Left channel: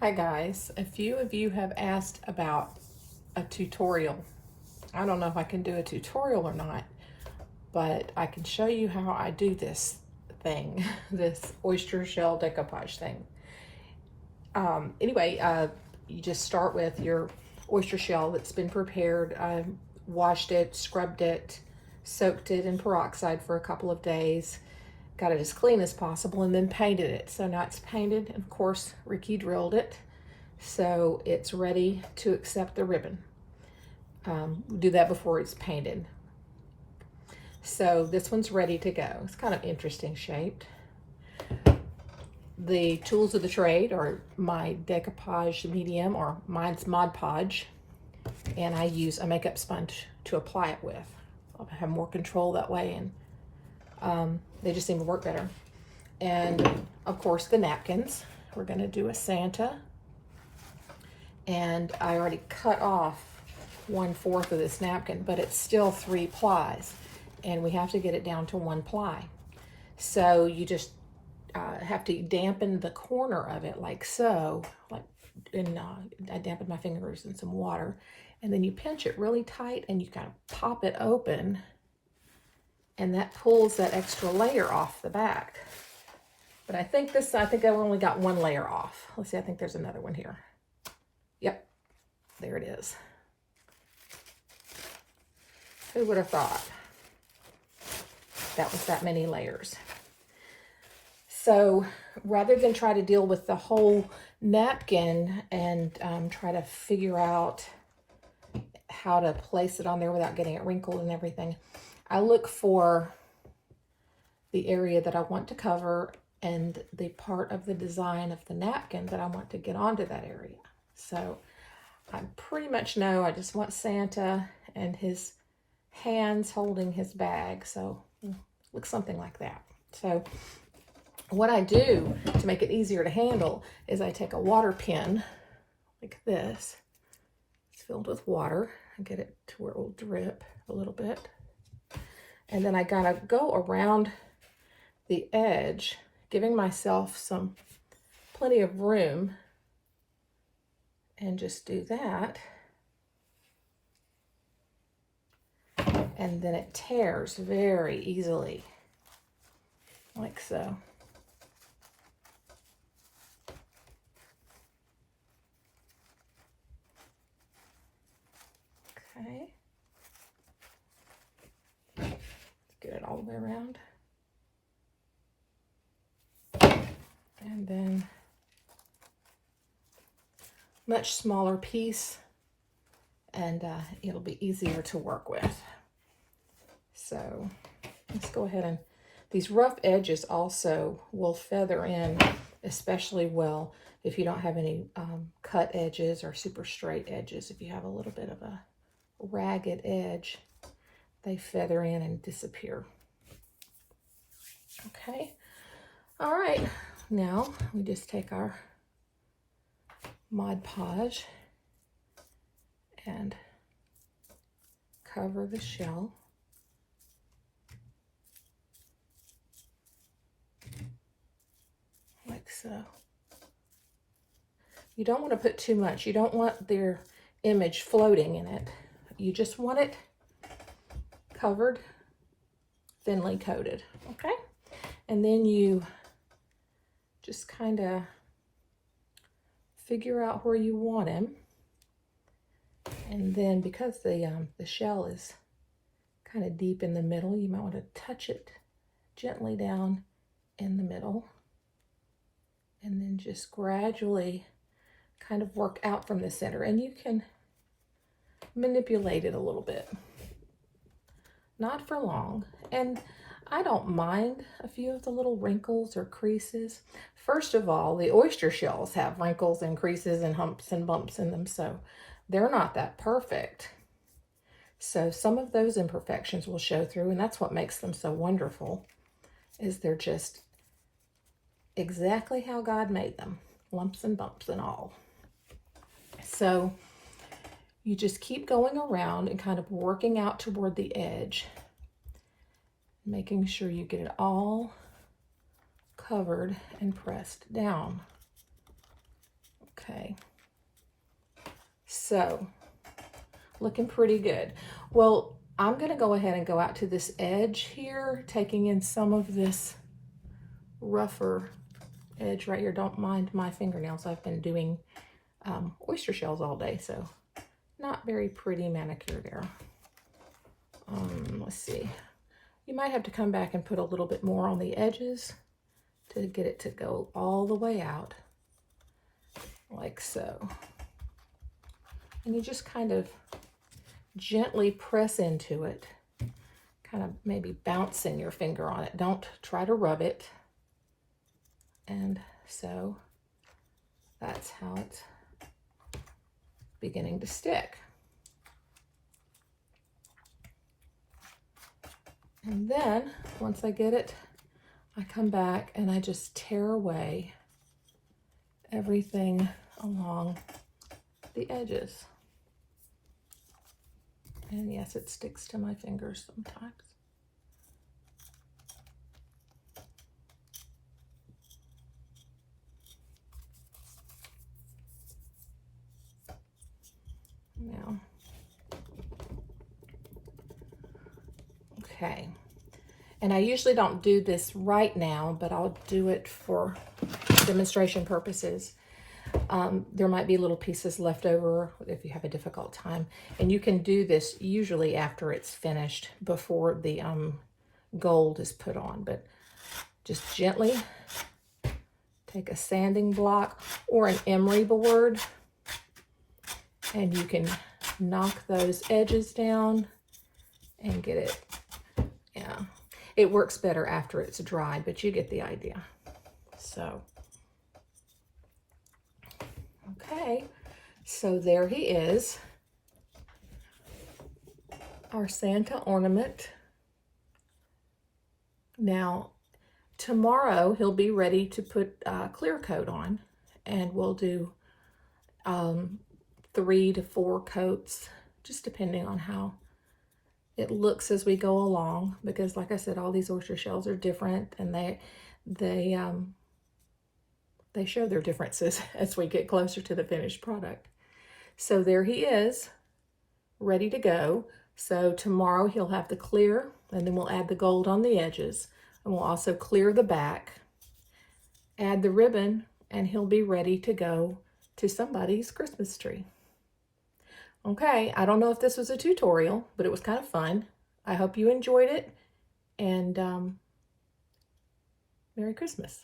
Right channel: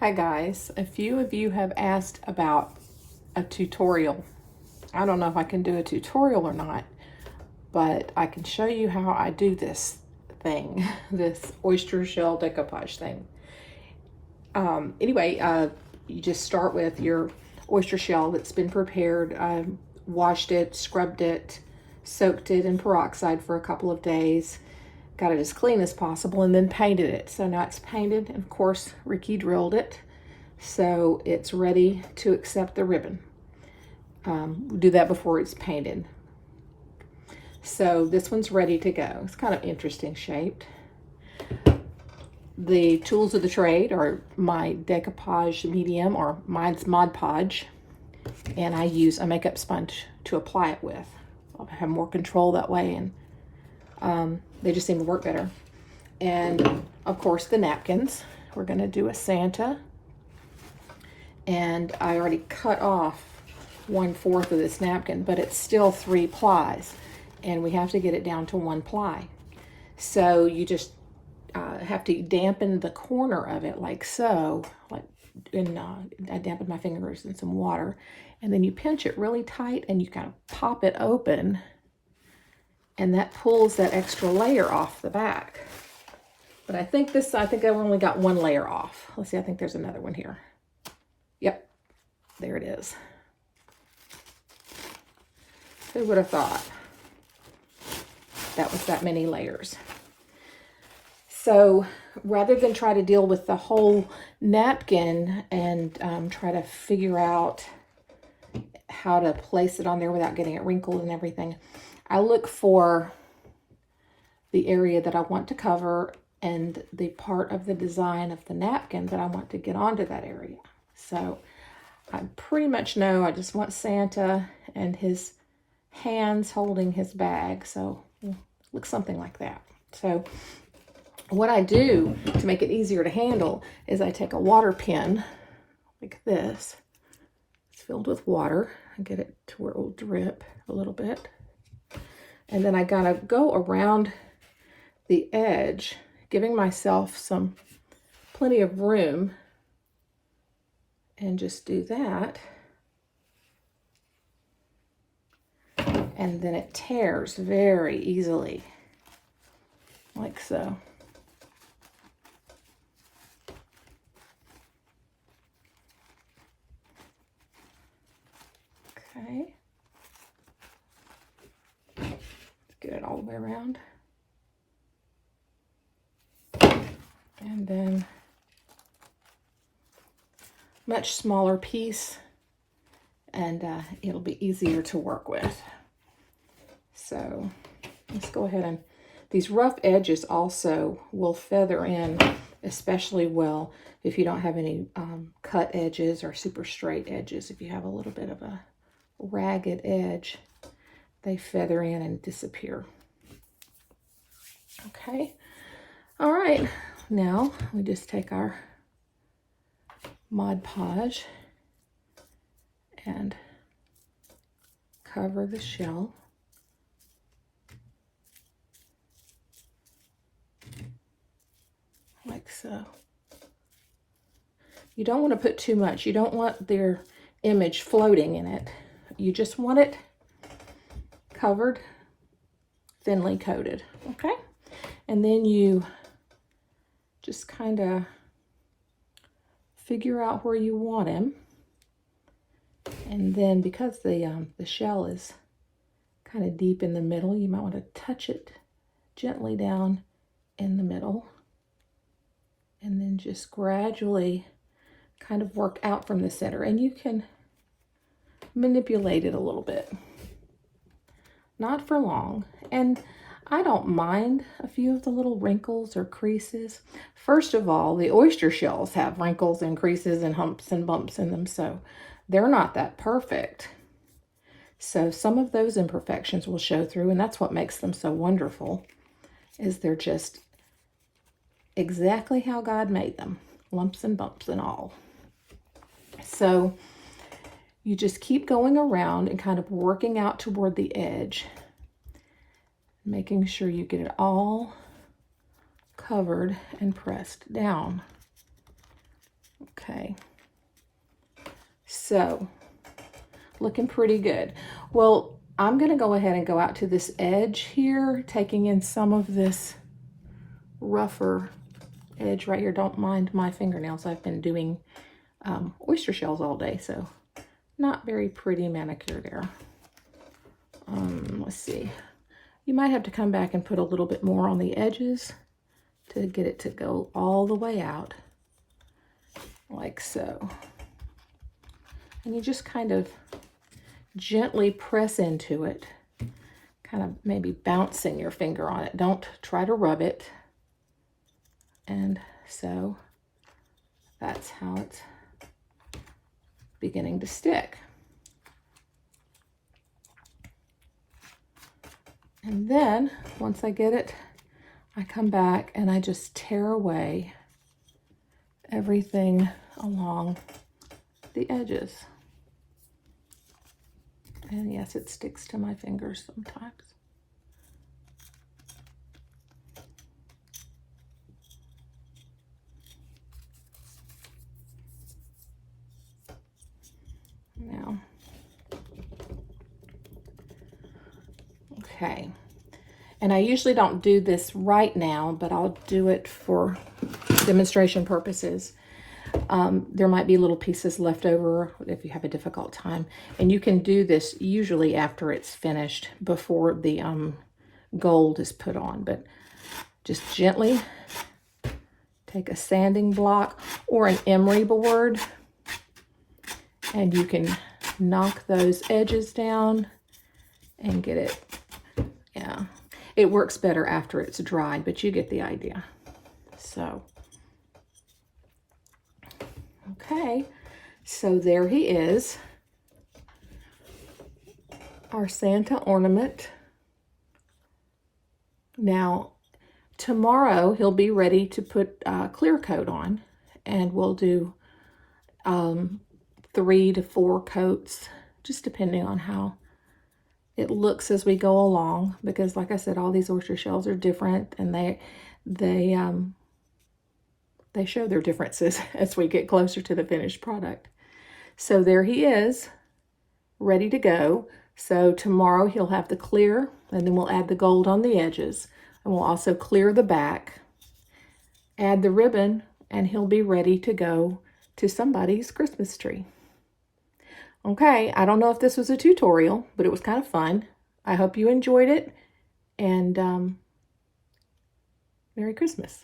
Hi guys, a few of you have asked about a tutorial. I don't know if I can do a tutorial or not, but I can show you how I do this thing, this oyster shell decoupage thing. Anyway, you just start with your oyster shell that's been prepared, washed it, scrubbed it, soaked it in peroxide for a couple of days, got it as clean as possible, and then painted it. So now it's painted, and of course Ricky drilled it, so it's ready to accept the ribbon. Do that before it's painted. So this one's ready to go. It's kind of interesting shaped. The tools of the trade are my decoupage medium, or mine's Mod Podge, and I use a makeup sponge to apply it with. I'll have more control that way, and they just seem to work better. And of course the napkins. We're going to do a Santa, and I already cut off 1/4 of this napkin, but it's still 3 plies, and we have to get it down to 1 ply. So you just have to dampen the corner of it like so, I dampened my fingers in some water, and then you pinch it really tight and you kind of pop it open, and that pulls that extra layer off the back. But I think I've only got 1 layer off. Let's see, I think there's another one here. Yep, there it is. Who would have thought that was that many layers? So rather than try to deal with the whole napkin and try to figure out how to place it on there without getting it wrinkled and everything, I look for the area that I want to cover and the part of the design of the napkin that I want to get onto that area. So I pretty much know I just want Santa and his hands holding his bag, so it looks something like that. So what I do to make it easier to handle is I take a water pen like this. It's filled with water. I get it to where it will drip a little bit, and then I gotta go around the edge, giving myself plenty of room, and just do that. And then it tears very easily, like so. Okay. Let's get it all the way around. And then much smaller piece, and it'll be easier to work with. So let's go ahead, and these rough edges also will feather in especially well if you don't have any cut edges or super straight edges. If you have a little bit of a ragged edge, they feather in and disappear. Okay, all right, now we just take our Mod Podge and cover the shell. Like so. You don't want to put too much. You don't want their image floating in it. You just want it covered, thinly coated, okay? And then you just kind of figure out where you want him. And then because the shell is kind of deep in the middle, you might want to touch it gently down in the middle, and then just gradually kind of work out from the center. And you can manipulate it a little bit, not for long. And I don't mind a few of the little wrinkles or creases. First of all, the oyster shells have wrinkles and creases and humps and bumps in them, so they're not that perfect. So some of those imperfections will show through, and that's what makes them so wonderful, is they're just exactly how God made them, lumps and bumps and all. So you just keep going around and kind of working out toward the edge, making sure you get it all covered and pressed down. Okay. So, looking pretty good. Well, I'm going to go ahead and go out to this edge here, taking in some of this rougher edge right here. Don't mind my fingernails. I've been doing oyster shells all day, so not very pretty manicure there. Let's see. You might have to come back and put a little bit more on the edges to get it to go all the way out, like so. And you just kind of gently press into it, kind of maybe bouncing your finger on it. Don't try to rub it. And so that's how it's beginning to stick. And then once I get it, I come back and I just tear away everything along the edges. And yes, it sticks to my fingers sometimes. Now, okay. And I usually don't do this right now, but I'll do it for demonstration purposes. There might be little pieces left over if you have a difficult time. And you can do this usually after it's finished, before the gold is put on. But just gently take a sanding block or an emery board, and you can knock those edges down and get it. Yeah, it works better after it's dried, but you get the idea. So, okay, so there he is, our Santa ornament. Now, tomorrow he'll be ready to put clear coat on, and we'll do 3 to 4 coats, just depending on how it looks as we go along, because like I said, all these oyster shells are different, and they show their differences as we get closer to the finished product. So there he is, ready to go. So tomorrow he'll have the clear, and then we'll add the gold on the edges, and we'll also clear the back, add the ribbon, and he'll be ready to go to somebody's Christmas tree. Okay, I don't know if this was a tutorial, but it was kind of fun. I hope you enjoyed it, and Merry Christmas.